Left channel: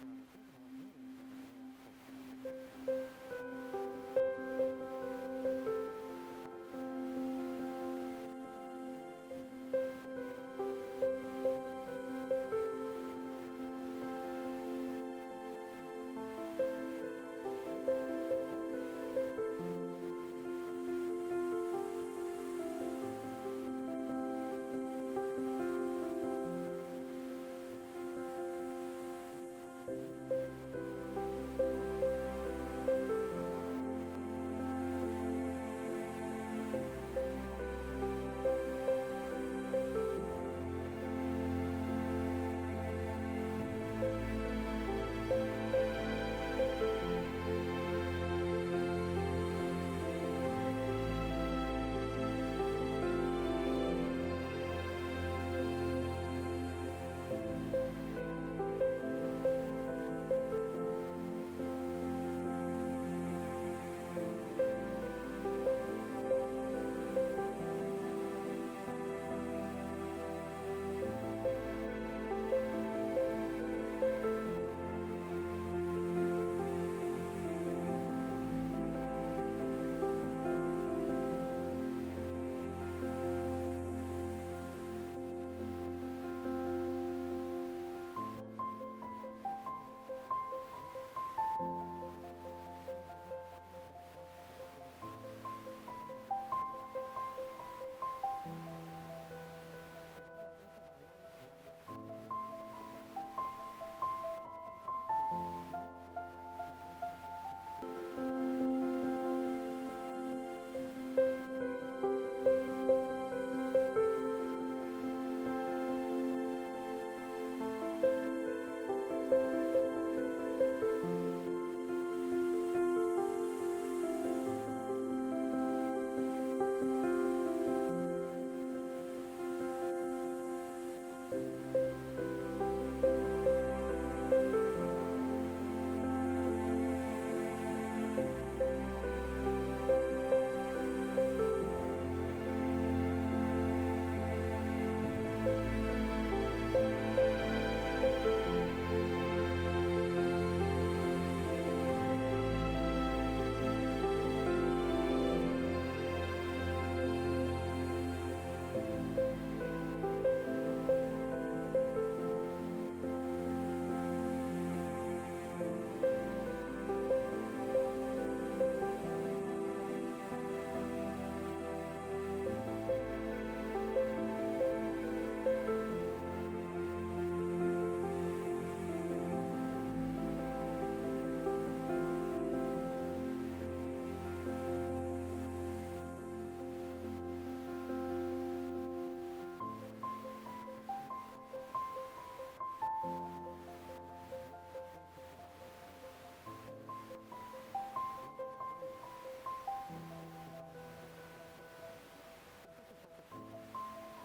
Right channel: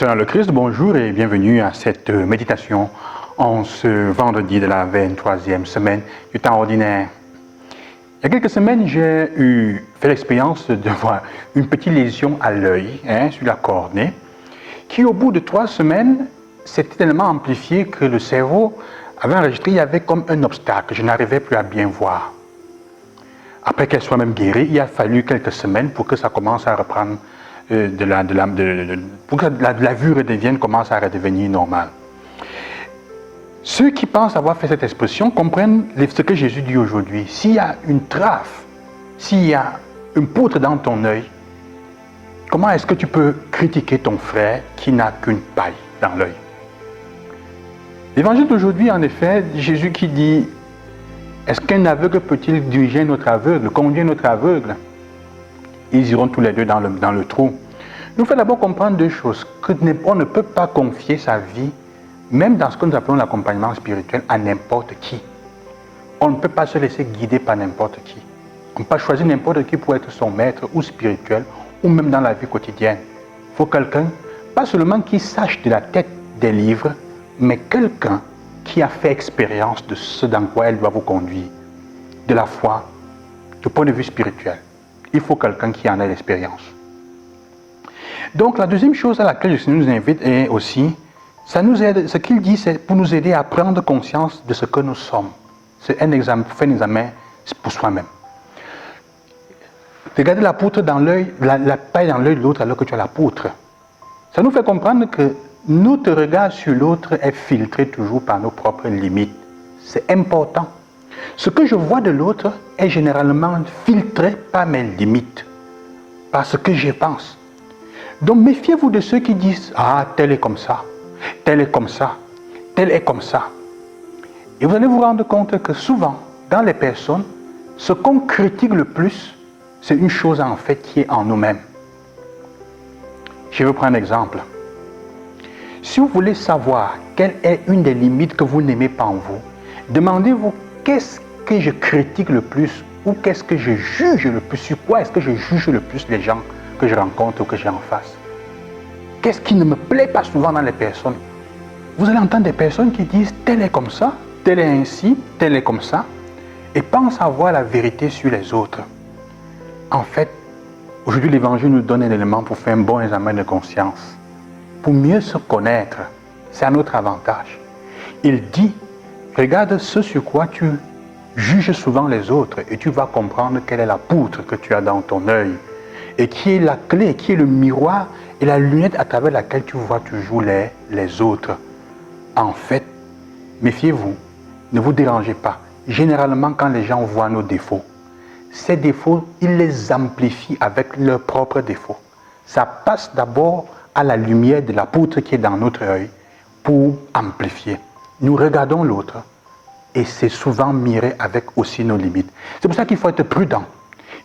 Seigneur le Christ, bonjour et bienvenue à cette méditation en ce vendredi de la 23e semaine du temps ordinaire. Il y a quelques semaines, j'ai fait l'expérience de voir une petite lésion à l'œil, sur la cornée, qui au bout de 3 semaines s'était tellement amplifiée que le cerveau avait enregistré, il y avait comme un obstacle, je n'arrivais plus à bien voir. Après qu'elle soit même guérie, il a fallu quelques semaines pour que ça commence à reprendre pour que la vue redevienne, commence à redevenir normale. Ceux qui pensent avoir fait cette expression comprennent ce que Jésus dit aujourd'hui. S'il y a une traffe, s'il y a une poutre dans ton œil, comment est-ce que tu peux critiquer ton frère qui n'a qu'une paille dans l'œil? L'évangile d'aujourd'hui, en effet, Jésus qui dit: est-ce qu'un aveugle peut-il diriger notre aveugle, conduire notre aveugle? Ils iront tous les deux dans le trou. Il nous faut d'abord comprendre deux choses. On ne peut pas confier sa vie, même dans ce que nous appelons l'accompagnement spirituel, à n'importe qui. On ne peut pas se laisser guider par n'importe qui. On ne peut pas choisir n'importe qui pour être son maître ou spirituel, ou même dans la vie quotidienne. Il faut quelqu'un, pas seulement qui sache de la tête des livres, mais quelqu'un qui a fait expérience de ce dans quoi elle doit vous conduire, de la foi, du point de vue spirituel. Il faut quelqu'un qui en ait l'expérience. Donc la deuxième chose à laquelle le Seigneur nous invite est aussi, ça nous aide, ce qu'il dit, c'est pour nous aider à prendre conscience de ce que nous sommes. C'est un examen, faire un examen pour soi-même. Regardez la poutre dans l'œil, la paille dans l'œil de l'autre alors que tu as la poutre. Ça nous fait comprendre que notre regard sur l'autre est filtré toujours par nos propres limites. C'est important. Ce que je vois de l'autre est généralement filtré par mes limites, par ce que je pense. Donc méfiez-vous de ceux qui disent: ah, tel est comme ça, tel est comme ça, tel est comme ça. Et vous allez vous rendre compte que souvent, dans les personnes, ce qu'on critique le plus, c'est une chose en fait qui est en nous-mêmes. Je vais prendre un exemple. Si vous voulez savoir quelle est une des limites que vous n'aimez pas en vous, demandez-vous: qu'est-ce que je critique le plus, ou qu'est-ce que je juge le plus, sur quoi est-ce que je juge le plus les gens que je rencontre ou que j'ai en face? Qu'est-ce qui ne me plaît pas souvent dans les personnes? Vous allez entendre des personnes qui disent: tel est comme ça, tel est ainsi, tel est comme ça, et pensent avoir la vérité sur les autres. En fait, aujourd'hui l'Évangile nous donne un élément pour faire un bon examen de conscience, pour mieux se connaître. C'est à notre avantage. Il dit: regarde ce sur quoi tu juges souvent les autres et tu vas comprendre quelle est la poutre que tu as dans ton œil et qui est la clé, qui est le miroir et la lunette à travers laquelle tu vois toujours les autres. En fait, méfiez-vous, ne vous dérangez pas. Généralement, quand les gens voient nos défauts, ces défauts, ils les amplifient avec leurs propres défauts. Ça passe d'abord à la lumière de la poutre qui est dans notre œil pour amplifier. Nous regardons l'autre et c'est souvent miré avec aussi nos limites. C'est pour ça qu'il faut être prudent.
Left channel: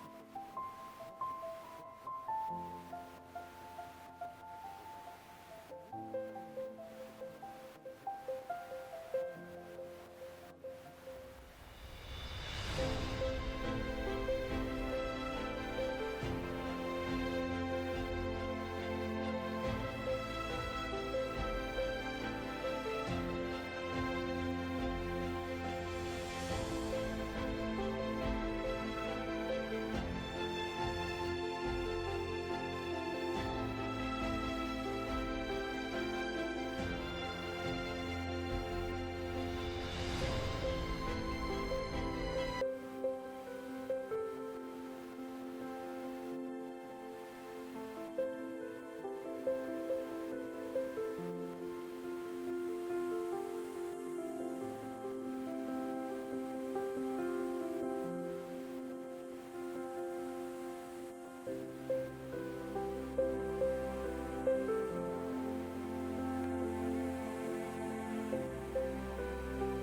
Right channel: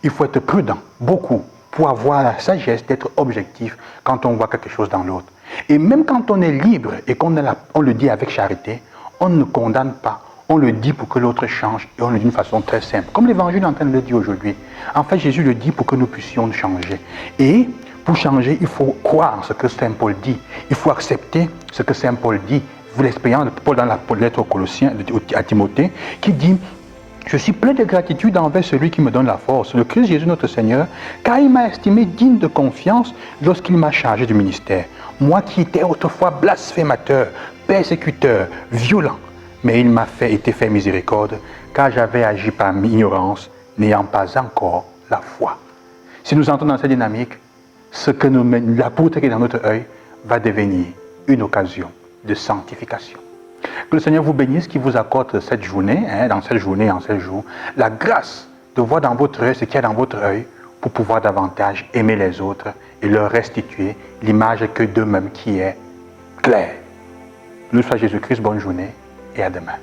Il faut être prudent, beaucoup, pour avoir la sagesse d'être objectif quand on voit quelque chose dans l'autre. Et même quand on est libre et qu'on le dit avec charité, on ne condamne pas. On le dit pour que l'autre change et on le dit d'une façon très simple. Comme l'Évangile est en train de le dire aujourd'hui. En fait, Jésus le dit pour que nous puissions changer. Et pour changer, il faut croire ce que Saint Paul dit. Il faut accepter ce que Saint Paul dit. Vous l'expérience de Paul dans la lettre aux Colossiens, à Timothée, qui dit: je suis plein de gratitude envers celui qui me donne la force, le Christ Jésus notre Seigneur, car il m'a estimé digne de confiance lorsqu'il m'a chargé du ministère. Moi qui étais autrefois blasphémateur, persécuteur, violent, mais il m'a été fait miséricorde, car j'avais agi par ignorance, n'ayant pas encore la foi. Si nous entrons dans cette dynamique, la poutre qui est dans notre œil va devenir une occasion de sanctification. Que le Seigneur vous bénisse, qu'il vous accorde cette journée, dans cette journée, en ces jours, la grâce de voir dans votre œil ce qu'il y a dans votre œil pour pouvoir davantage aimer les autres et leur restituer l'image que d'eux-mêmes qui est claire. Nous soit Jésus-Christ, bonne journée et à demain.